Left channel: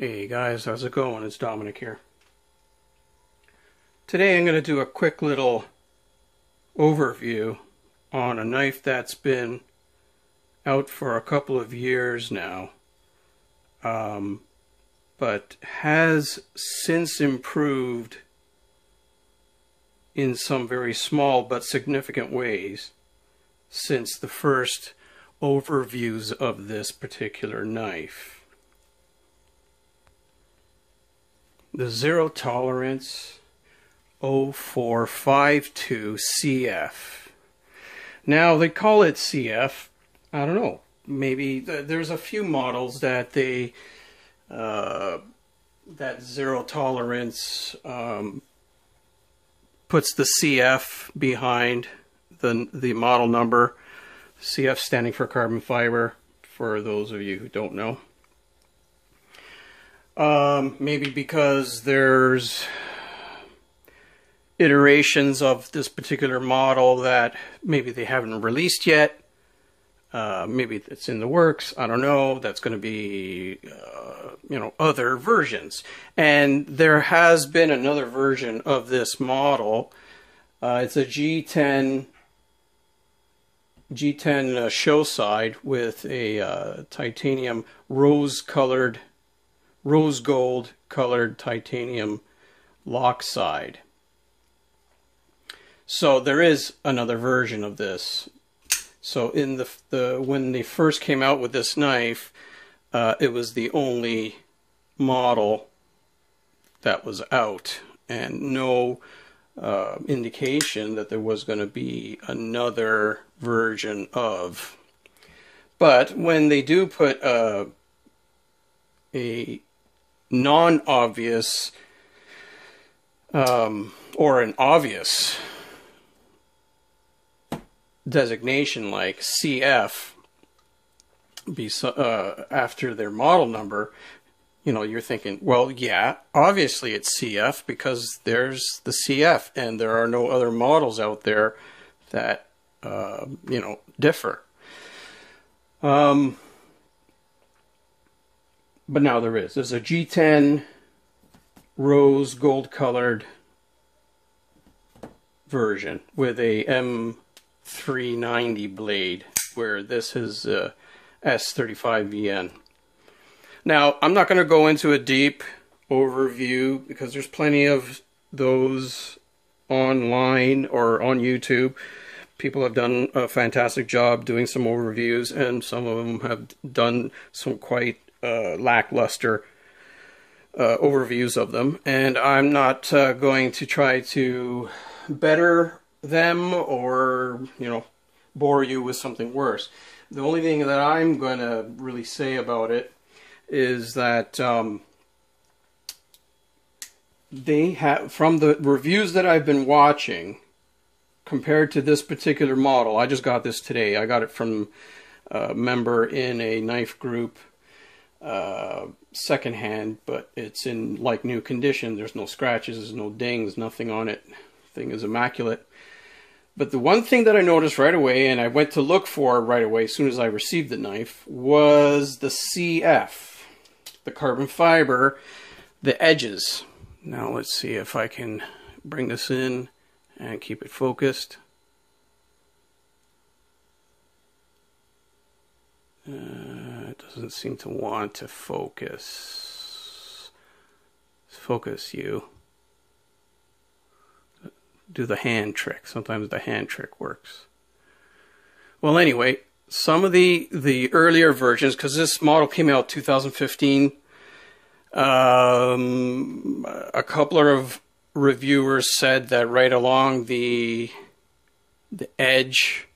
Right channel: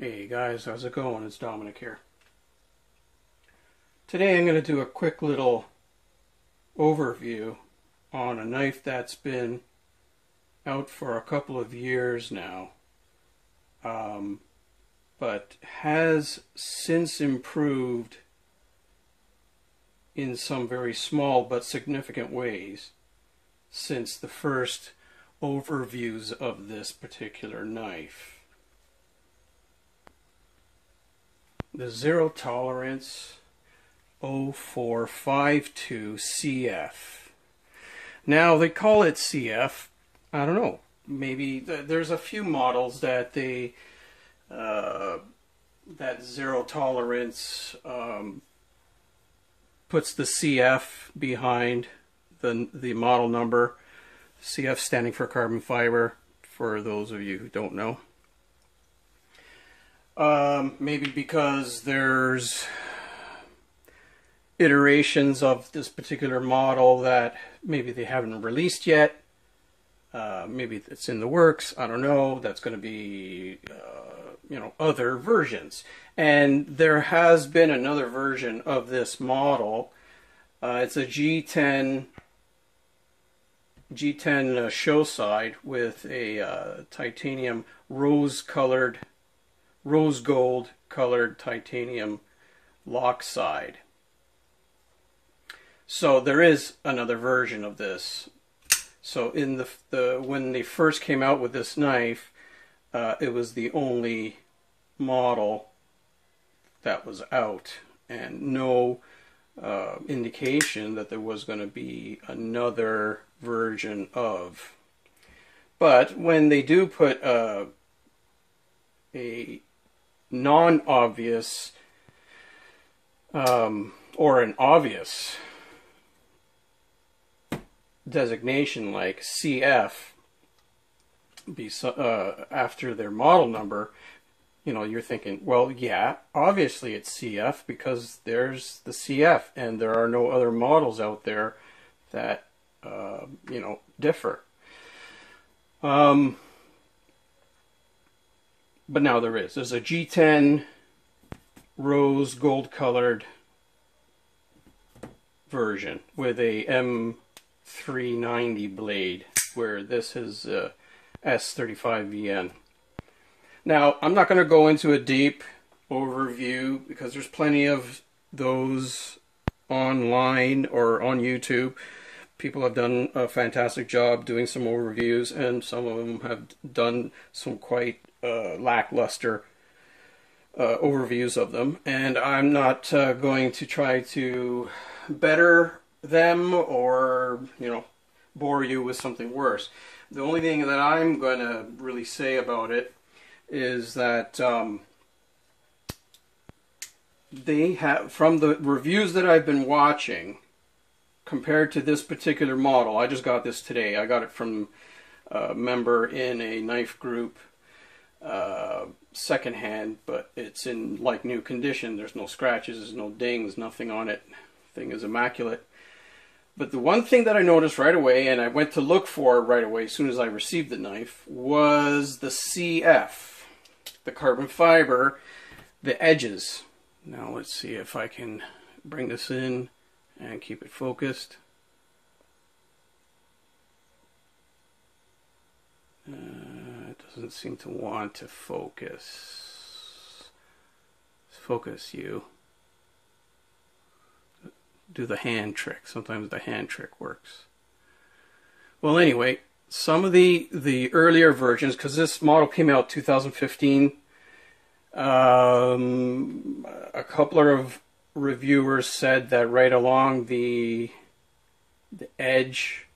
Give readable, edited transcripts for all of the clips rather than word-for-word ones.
Hey guys, how's it going? It's Dominic here. Today I'm going to do a quick little overview on a knife that's been out for a couple of years now, but has since improved in some very small but significant ways since the first overviews of this particular knife. The Zero Tolerance 0452 CF. Now they call it CF. I don't know. Maybe there's a few models that they that Zero Tolerance puts the CF behind the model number. CF standing for carbon fiber, for those of you who don't know. Maybe because there's iterations of this particular model that maybe they haven't released yet. Maybe it's in the works. I don't know. That's going to be, other versions. And there has been another version of this model. It's a G10 show side with a titanium rose gold colored titanium lock side. So there is another version of this. So in the when they first came out with this knife, it was the only model that was out, and no indication that there was going to be another version of. But when they do put a non-obvious or an obvious designation like CF after their model number, you're thinking, well, yeah, obviously it's CF because there's the CF and there are no other models out there that differ. But now there's a G10 rose gold colored version with a M390 blade, where this is S35VN. Now, I'm not going to go into a deep overview because there's plenty of those online or on YouTube. People have done a fantastic job doing some overviews, and some of them have done some quite lackluster overviews of them. And I'm not going to try to better them or, bore you with something worse. The only thing that I'm going to really say about it is that they have, from the reviews that I've been watching, compared to this particular model, I just got this today. I got it from a member in a knife group, secondhand, but it's in like new condition. There's no scratches, there's no dings, nothing on it. Thing is immaculate. But the one thing that I noticed right away, and I went to look for right away as soon as I received the knife, was the CF, the carbon fiber, the edges. Now let's see if I can bring this in and keep it focused. It doesn't seem to want to focus. Focus you. Do the hand trick. Sometimes the hand trick works. Well, anyway, some of the earlier versions, because this model came out 2015, a couple of reviewers said that right along the edge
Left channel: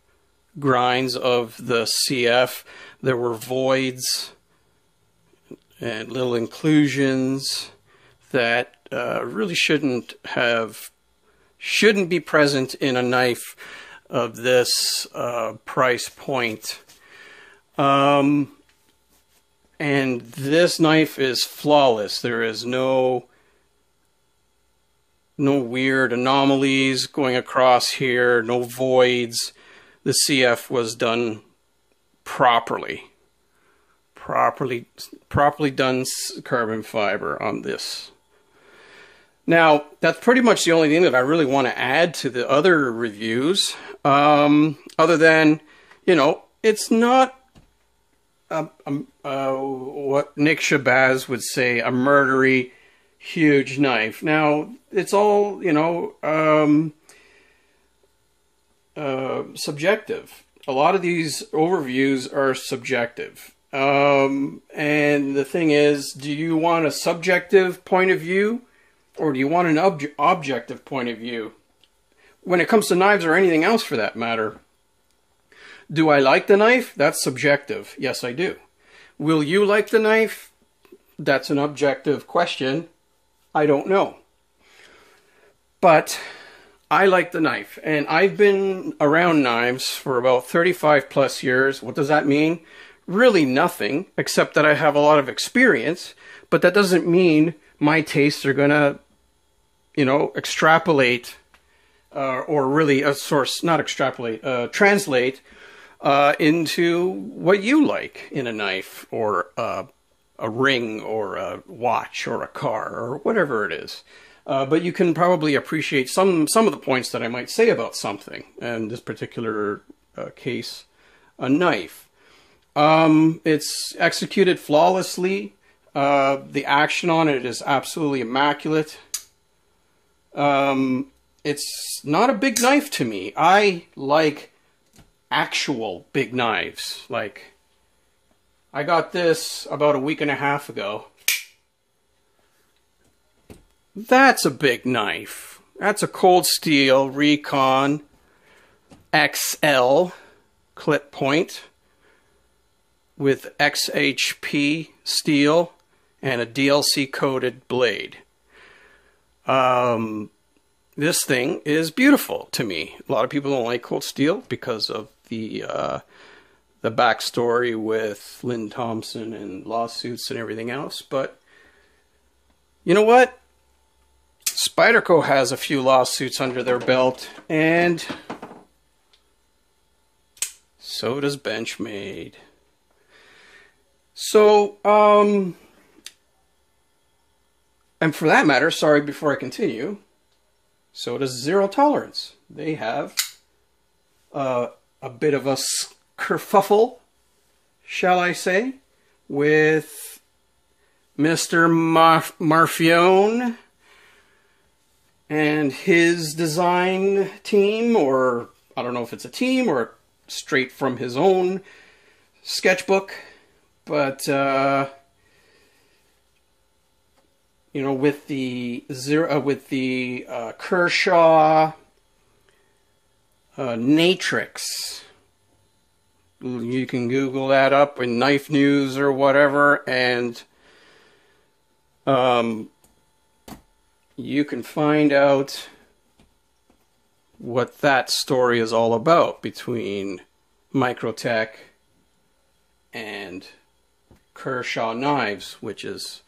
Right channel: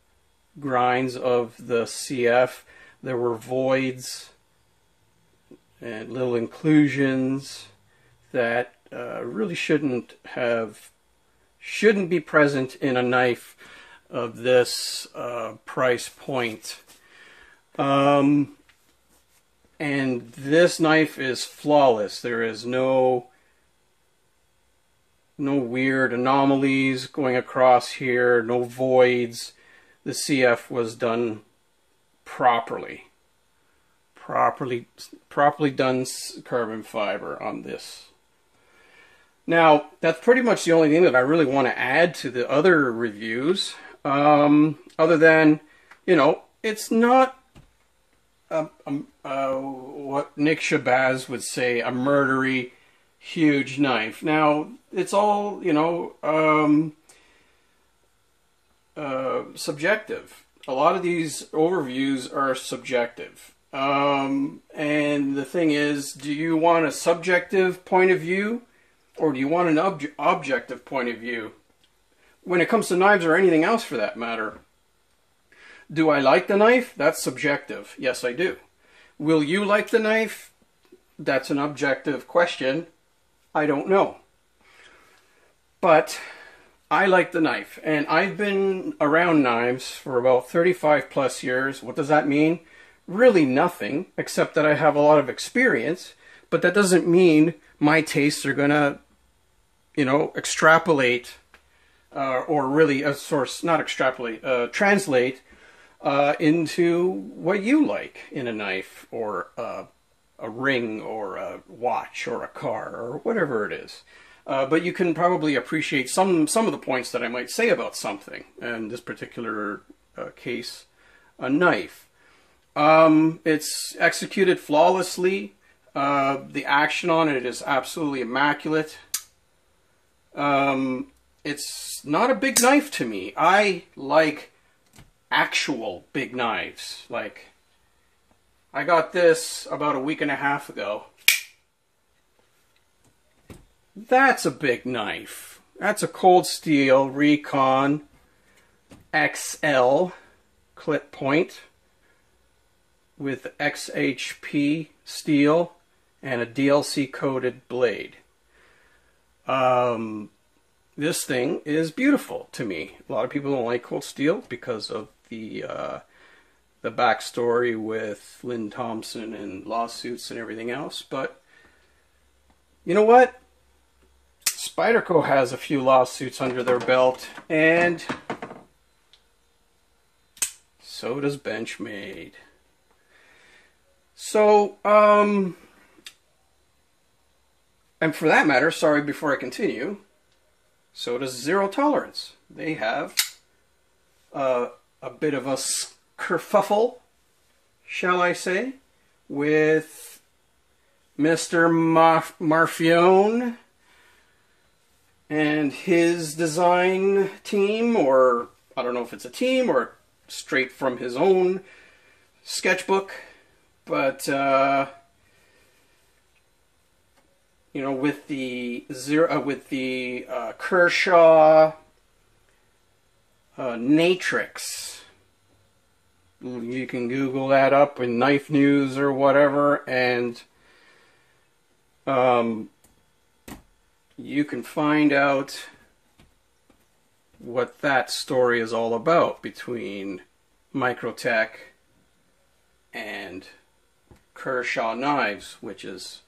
grinds of the CF, there were voids and little inclusions that really shouldn't be present in a knife of this price point. And this knife is flawless. There is no weird anomalies going across here, no voids. The CF was done properly. properly done carbon fiber on this. Now, that's pretty much the only thing that I really want to add to the other reviews. Other than, you know, it's not what Nick Shabazz would say, a murdery, huge knife. Now, it's all, you know, subjective. A lot of these overviews are subjective. And the thing is, do you want a subjective point of view, or do you want an objective point of view? When it comes to knives or anything else for that matter, do I like the knife? That's subjective. Yes, I do. Will you like the knife? That's an objective question. I don't know. But I like the knife, and I've been around knives for about 35 plus years. What does that mean? Really nothing, except that I have a lot of experience, but that doesn't mean my tastes are gonna, you know, extrapolate, or really, translate into what you like in a knife, or a ring, or a watch, or a car, or whatever it is. But you can probably appreciate some of the points that I might say about something, in this particular case, a knife. It's executed flawlessly. The action on it is absolutely immaculate. It's not a big knife to me. I like actual big knives. Like, I got this about a week and a half ago. That's a big knife. That's a Cold Steel Recon XL clip point with XHP steel and a DLC coated blade. This thing is beautiful to me. A lot of people don't like Cold Steel because of the backstory with Lynn Thompson and lawsuits and everything else, but you know what? Spyderco has a few lawsuits under their belt, and so does Benchmade. So, and for that matter, sorry, before I continue, so does Zero Tolerance. They have a bit of a kerfuffle, shall I say, with Mr. Marfione and his design team, or I don't know if it's a team or straight from his own sketchbook, but you know, with the Kershaw Natrix, you can Google that up in Knife News or whatever, and you can find out what that story is all about between Microtech and Kershaw Knives, which is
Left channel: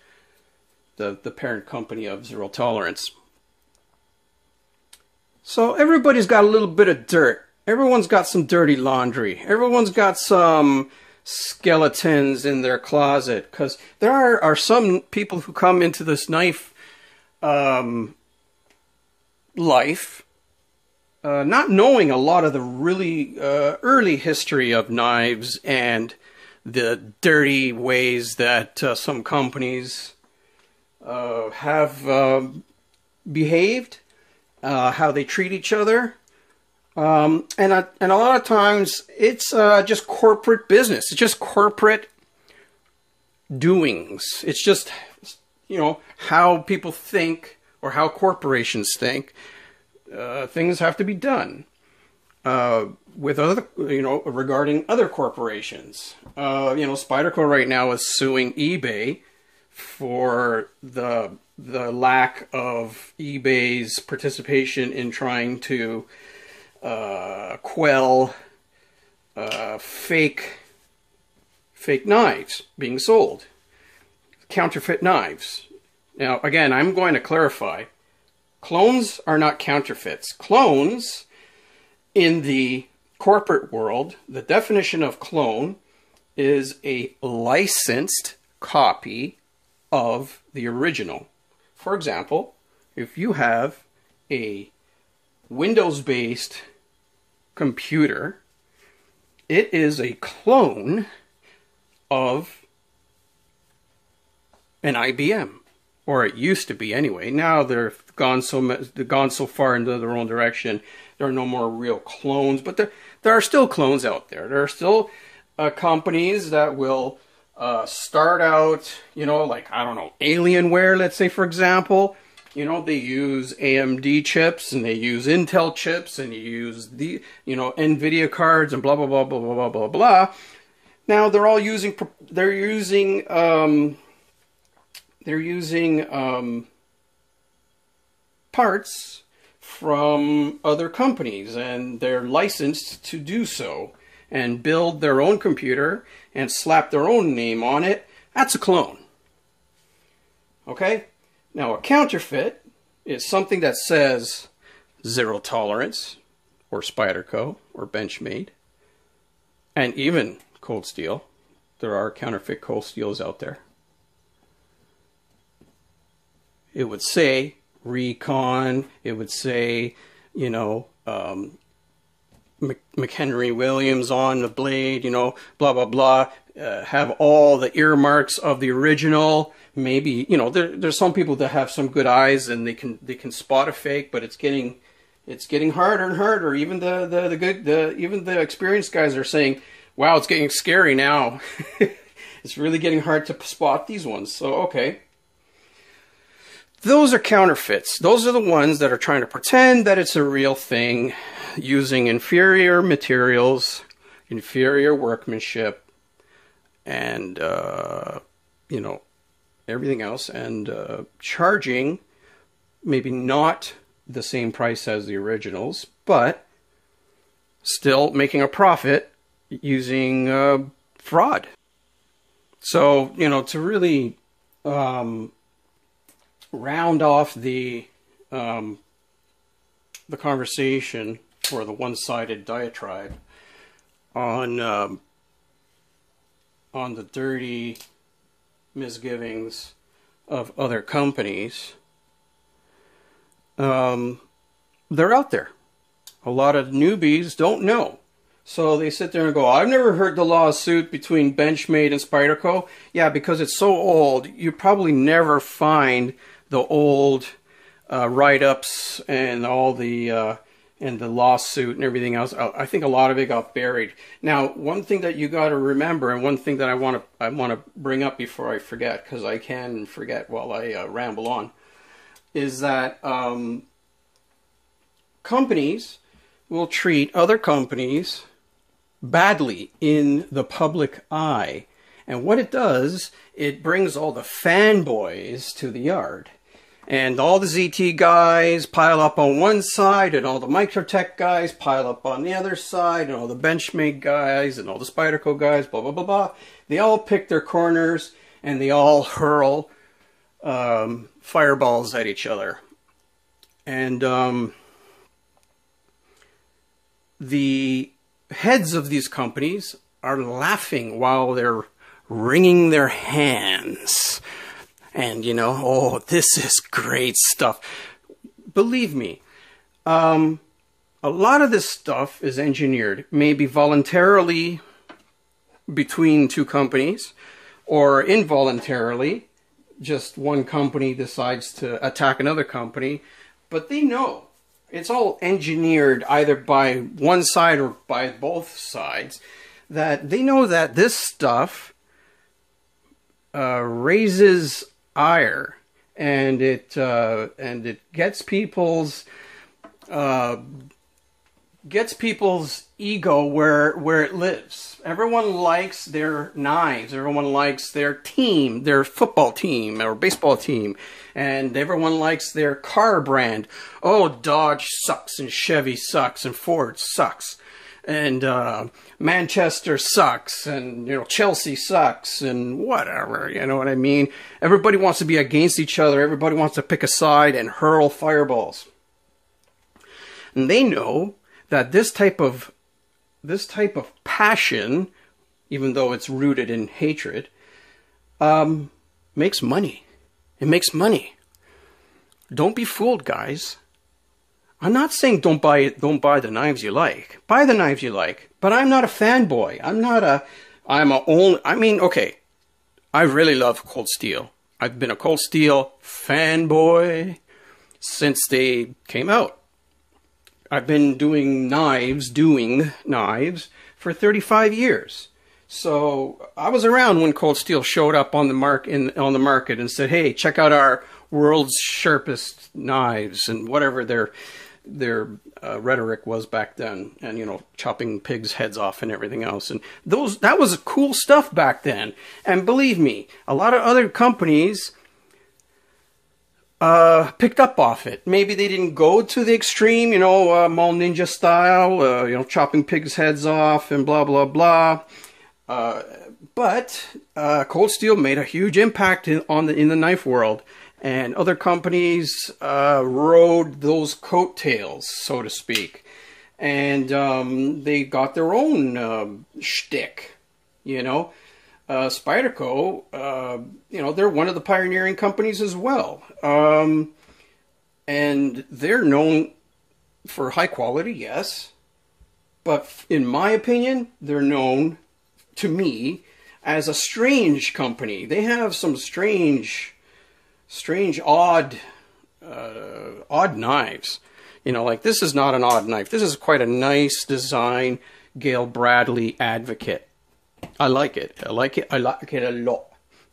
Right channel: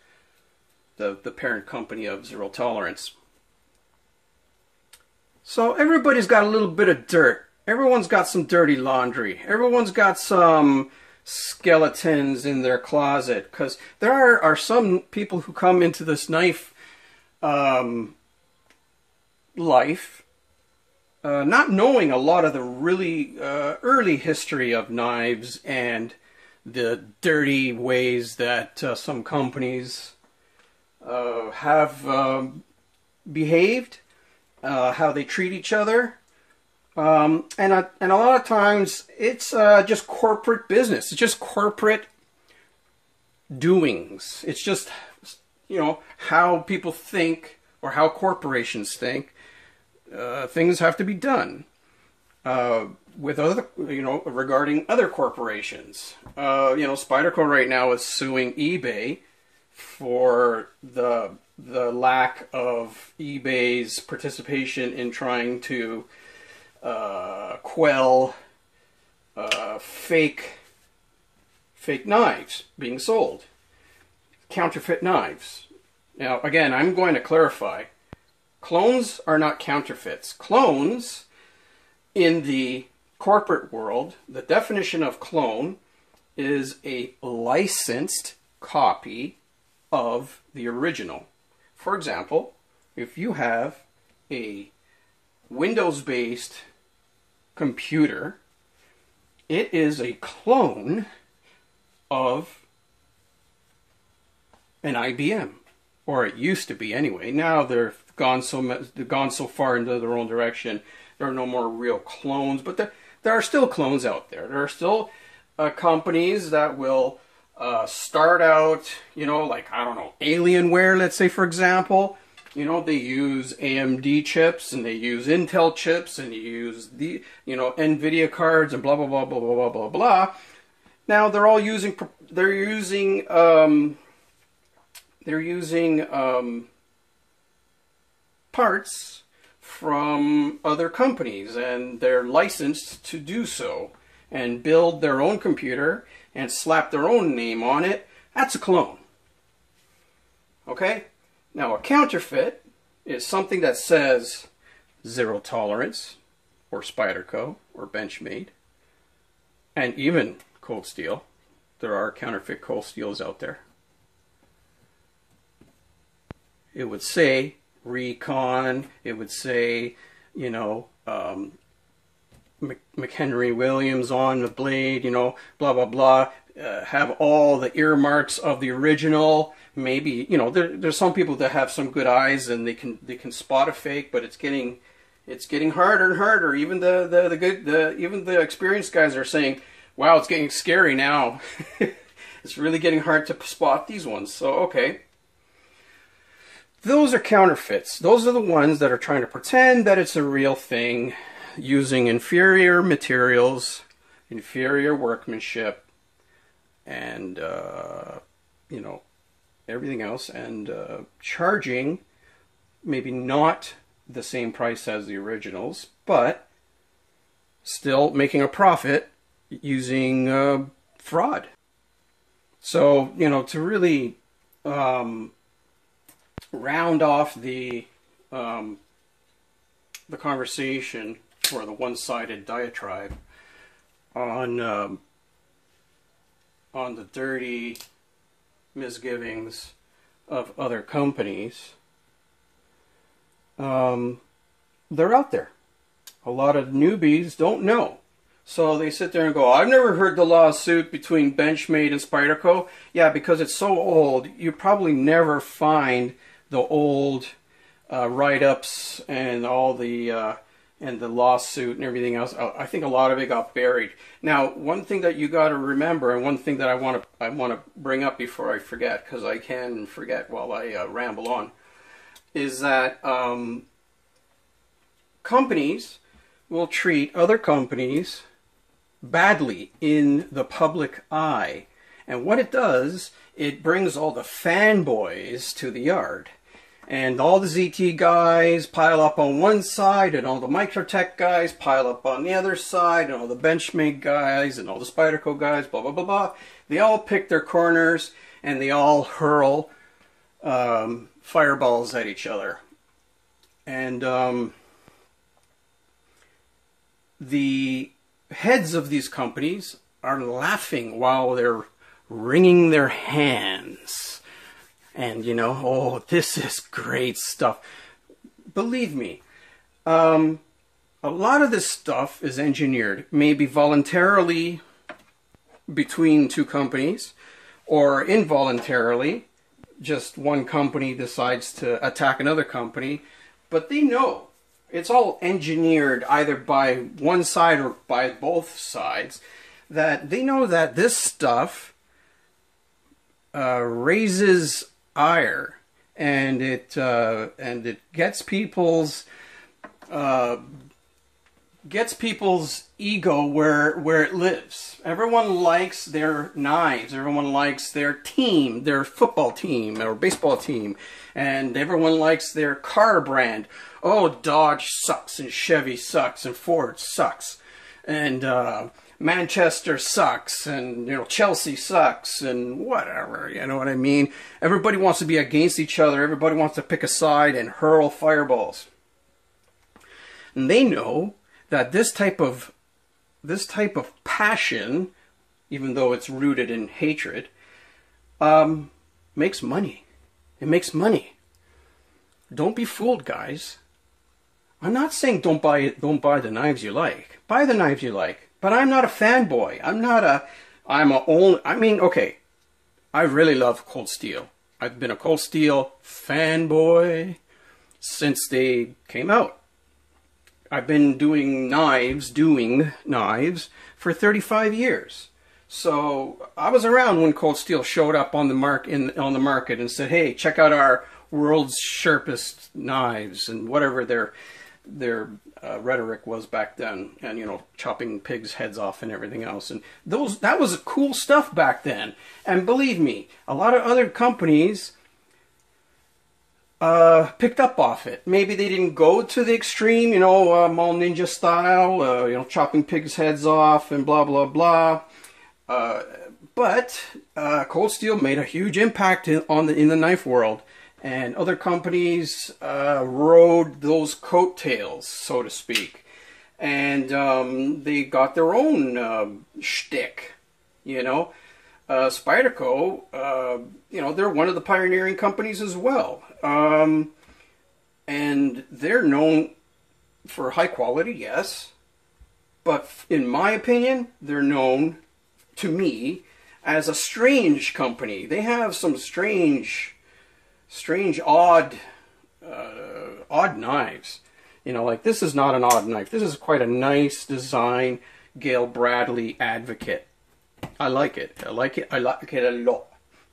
the parent company of Zero Tolerance. So everybody's got a little bit of dirt. Everyone's got some dirty laundry. Everyone's got some skeletons in their closet, because there are some people who come into this knife life not knowing a lot of the really early history of knives and the dirty ways that some companies have behaved, how they treat each other, and a lot of times it's just corporate business. It's just corporate doings. It's just, you know, how people think, or how corporations think. Things have to be done with other, you know, regarding other corporations. You know, Spyderco right now is suing eBay for the lack of eBay's participation in trying to quell fake knives being sold, counterfeit knives. Now, again, I'm going to clarify. Clones are not counterfeits. Clones, in the corporate world, the definition of clone is a licensed copy of the original. For example, if you have a Windows-based computer, it is a clone of an IBM, or it used to be anyway. Now they've gone so far into their own direction. There are no more real clones, but there are still clones out there. There are still companies that will start out, you know, like, I don't know, Alienware, let's say, for example. You know, they use AMD chips and they use Intel chips and you use the, you know, NVIDIA cards and blah, blah, blah, blah, blah, blah, blah, blah. Now they're all using, parts from other companies, and they're licensed to do so and build their own computer and slap their own name on it. That's a clone. Okay? Now, a counterfeit is something that says Zero Tolerance, or Spyderco, or Benchmade, and even Cold Steel. There are counterfeit Cold Steels out there. It would say Recon, it would say, you know, McHenry Williams on the blade, you know, blah, blah, blah. Have all the earmarks of the original. Maybe, you know, there's some people that have some good eyes and they can spot a fake, but it's getting harder and harder. Even even the experienced guys are saying, wow, it's getting scary now. It's really getting hard to spot these ones. So, okay. Those are counterfeits. Those are the ones that are trying to pretend that it's a real thing, using inferior materials, inferior workmanship, and, you know, everything else, and charging maybe not the same price as the originals, but still making a profit using fraud. So, you know, to really round off the conversation, or the one-sided diatribe on the dirty misgivings of other companies, they're out there. A lot of newbies don't know. So they sit there and go, I've never heard the lawsuit between Benchmade and Spyderco. Yeah, because it's so old, you probably never find the old write-ups and all the and the lawsuit and everything else. I think a lot of it got buried. Now, one thing that you got to remember, and one thing that I want to bring up before I forget, because I can forget while I ramble on, is that companies will treat other companies badly in the public eye. And what it does, it brings all the fanboys to the yard. And all the ZT guys pile up on one side, and all the Microtech guys pile up on the other side, and all the Benchmade guys, and all the Spyderco guys, blah, blah, blah, blah. They all pick their corners, and they all hurl fireballs at each other. And the heads of these companies are laughing while they're wringing their hands. And, you know, oh, this is great stuff. Believe me, a lot of this stuff is engineered, maybe voluntarily between two companies, or involuntarily, just one company decides to attack another company. But they know it's all engineered either by one side or by both sides, that they know that this stuff raises ire, and it gets people's ego where it lives. Everyone likes their knives. Everyone likes their team, their football team or baseball team, and everyone likes their car brand. Oh, Dodge sucks, and Chevy sucks, and Ford sucks, and Manchester sucks, and, you know, Chelsea sucks, and whatever, you know what I mean? Everybody wants to be against each other. Everybody wants to pick a side and hurl fireballs. And they know that this type of passion, even though it's rooted in hatred, makes money. It makes money. Don't be fooled, guys. I'm not saying don't buy the knives you like. Buy the knives you like. But I'm not a fanboy. Okay, I really love Cold Steel. I've been a Cold Steel fanboy since they came out. I've been doing knives for 35 years. So I was around when Cold Steel showed up on the market and said, "Hey, check out our world's sharpest knives," and whatever their rhetoric was back then, and chopping pigs' heads off and everything else. And that was cool stuff back then. And believe me, a lot of other companies picked up off it. Maybe they didn't go to the extreme, Mall Ninja style, chopping pigs' heads off and blah, blah, blah. But Cold Steel made a huge impact in the knife world. And other companies rode those coattails, so to speak. And they got their own shtick, Spyderco, they're one of the pioneering companies as well. And they're known for high quality, yes. But in my opinion, they're known, to me, as a strange company. They have some strange, odd knives. Like this is not an odd knife. This is quite a nice design. Gail Bradley Advocate. I like it. I like it a lot.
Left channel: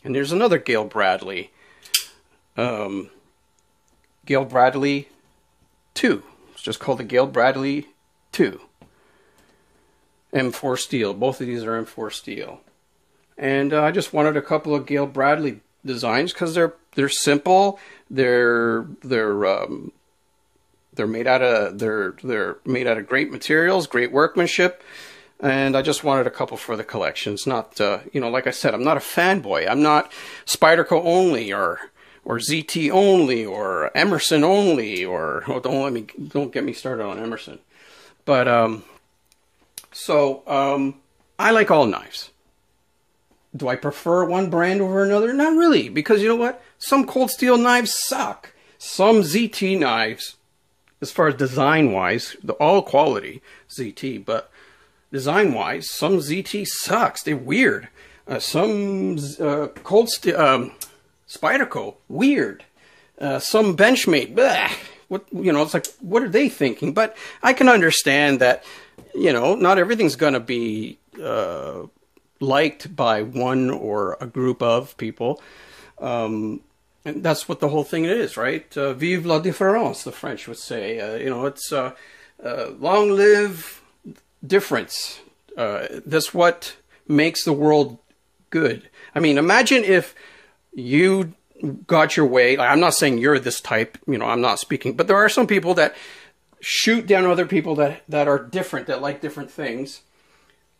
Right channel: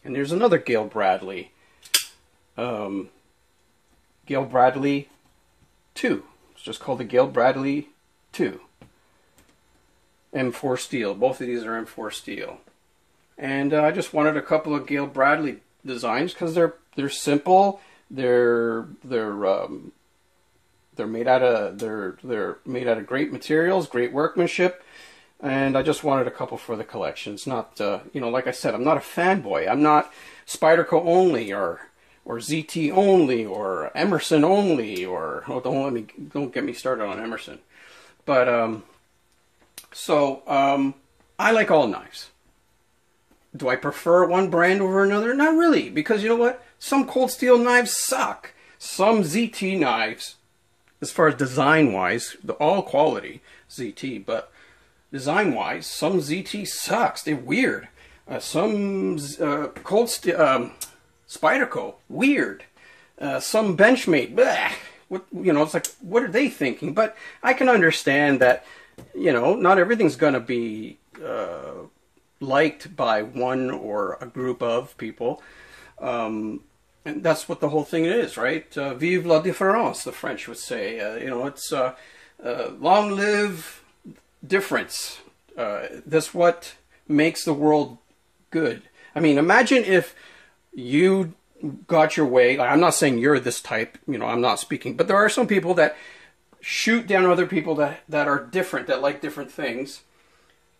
And there's another Gail Bradley. Gail Bradley 2. It's just called the Gail Bradley 2. M4 steel. Both of these are M4 steel. And I just wanted a couple of Gail Bradley designs because they're simple. They're made out of great materials, great workmanship. And I just wanted a couple for the collection. It's not, like I said, I'm not a fanboy. I'm not Spyderco only or ZT only or Emerson only or don't get me started on Emerson. But I like all knives. Do I prefer one brand over another? Not really, because you know what? Some Cold Steel knives suck. Some ZT knives, as far as design-wise, all quality ZT, but design-wise, some ZT sucks. They're weird. Some Cold Steel, Spyderco, weird. Some Benchmade, bleh. It's like, what are they thinking? But I can understand that, not everything's going to be liked by one or a group of people. And that's what the whole thing is, right? Vive la différence, the French would say. It's long live difference. That's what makes the world good. I mean, imagine if you got your way. Like, I'm not saying you're this type, I'm not speaking, but there are some people that shoot down other people that are different, that like different things.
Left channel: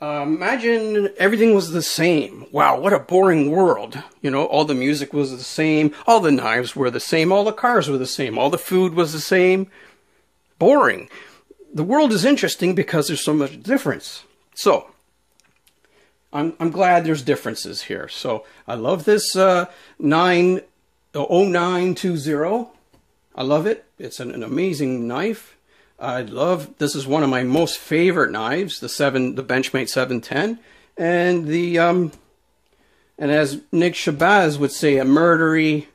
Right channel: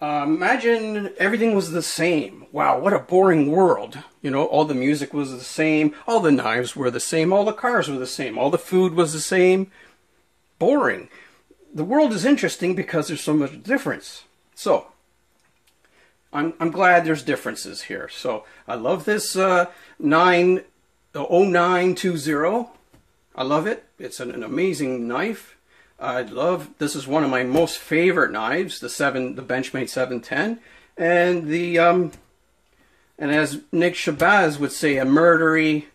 Imagine everything was the same. Wow, what a boring world. All the music was the same, all the knives were the same, all the cars were the same, all the food was the same. Boring. The world is interesting because there's so much difference. So, I'm glad there's differences here. So, I love this 0920. I love it. It's an amazing knife. This is one of my most favorite knives, the Benchmade 710, and and as Nick Shabazz would say, a murdery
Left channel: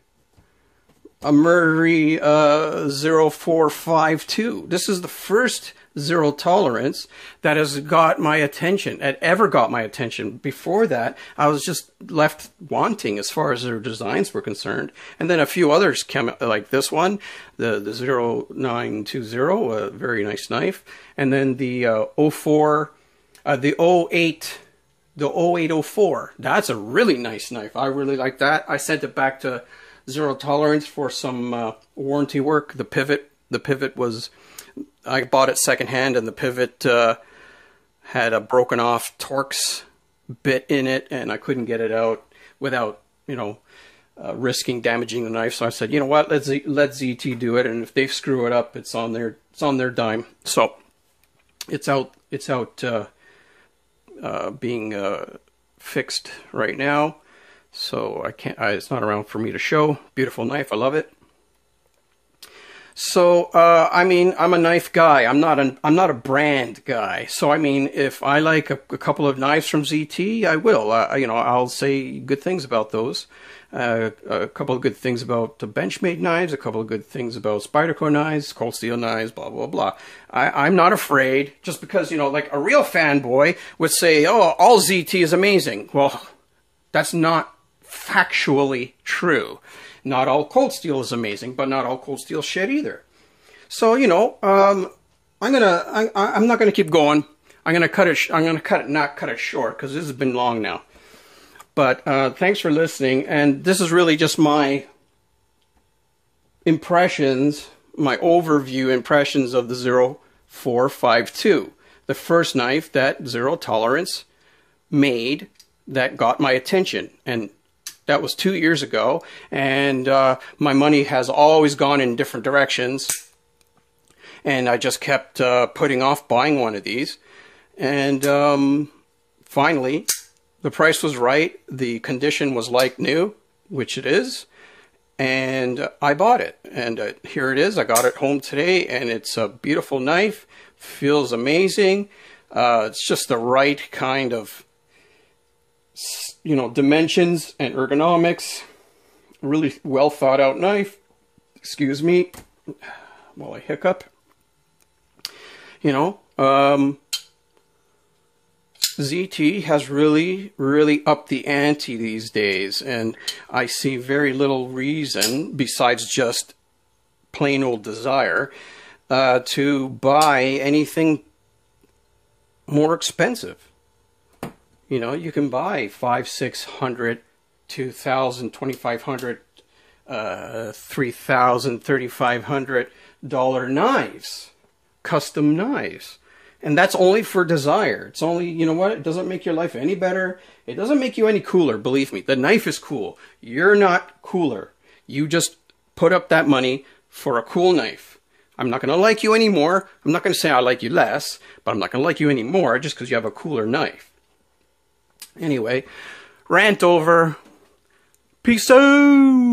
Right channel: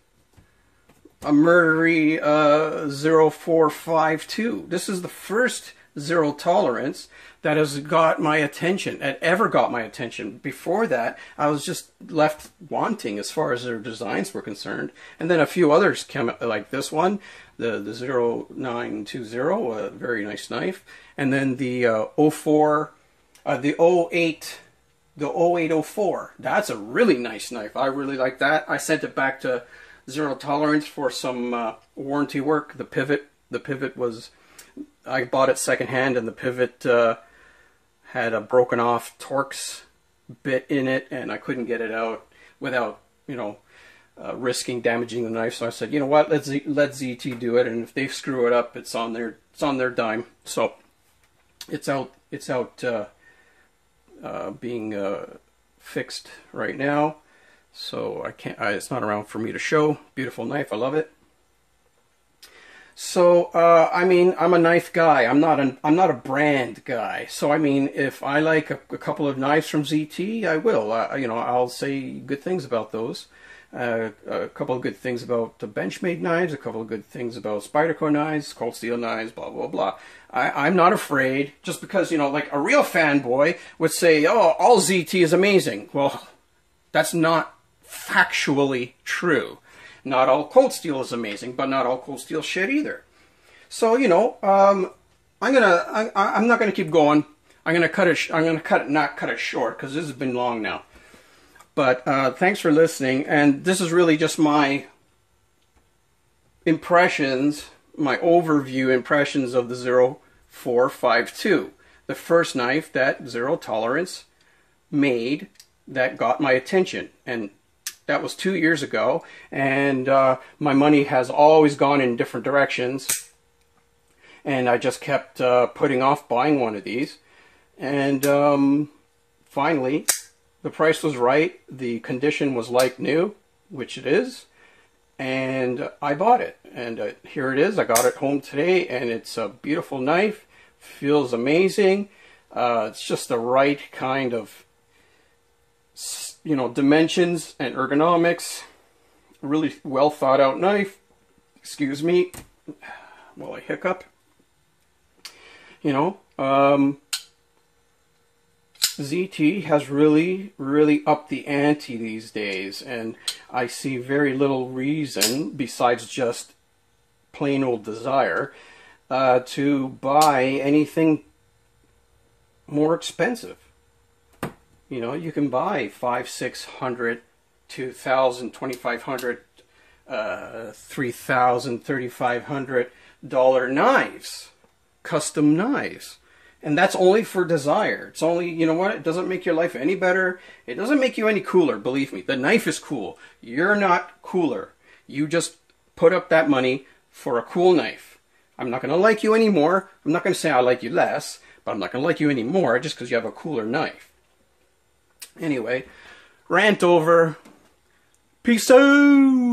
0452. This is the first zero tolerance that has got my attention, ever got my attention. Before that, I was just left wanting as far as their designs were concerned. And then a few others came, like this one, the 0920, a very nice knife. And then the 0804, that's a really nice knife. I really like that. I sent it back to Zero Tolerance for some warranty work. The pivot was, I bought it secondhand, and the pivot had a broken off Torx bit in it, and I couldn't get it out without, risking damaging the knife. So I said, you know what, let ZT do it, and if they screw it up, it's on their dime. So it's out being fixed right now, so I can't. It's not around for me to show. Beautiful knife, I love it. So I mean, I'm a knife guy. I'm not a brand guy. So I mean, if I like a couple of knives from ZT, I will. You know, I'll say good things about those. A couple of good things about the Benchmade knives, a couple of good things about Spyderco knives, Cold Steel knives, blah, blah, blah. I'm not afraid, just because, you know, like a real fanboy would say, oh, all ZT is amazing. Well, that's not factually true. Not all Cold Steel is amazing, but not all Cold Steel shit either. So, you know, I'm not gonna keep going. I'm gonna cut it, not cut it short, because this has been long now. But thanks for listening, and this is really just my impressions, my overview impressions of the 0452, the first knife that Zero Tolerance made that got my attention. And that was 2 years ago, and my money has always gone in different directions, and I just kept putting off buying one of these. And finally, the price was right, the condition was like new, which it is, and I bought it. And here it is. I got it home today, and it's a beautiful knife. Feels amazing. It's just the right kind of, you know, dimensions and ergonomics. Really well thought out knife. Excuse me while I hiccup. You know, ZT has really upped the ante these days, and I see very little reason, besides just plain old desire, to buy anything more expensive. You know, you can buy $500, $600, $2,000, $2,500, $3,000, $3,500 knives, custom knives. And that's only for desire. It's only, you know what, it doesn't make your life any better. It doesn't make you any cooler, believe me. The knife is cool. You're not cooler. You just put up that money for a cool knife. I'm not going to like you anymore. I'm not going to say I like you less, but I'm not going to like you anymore just because you have a cooler knife. Anyway, rant over. Peace out.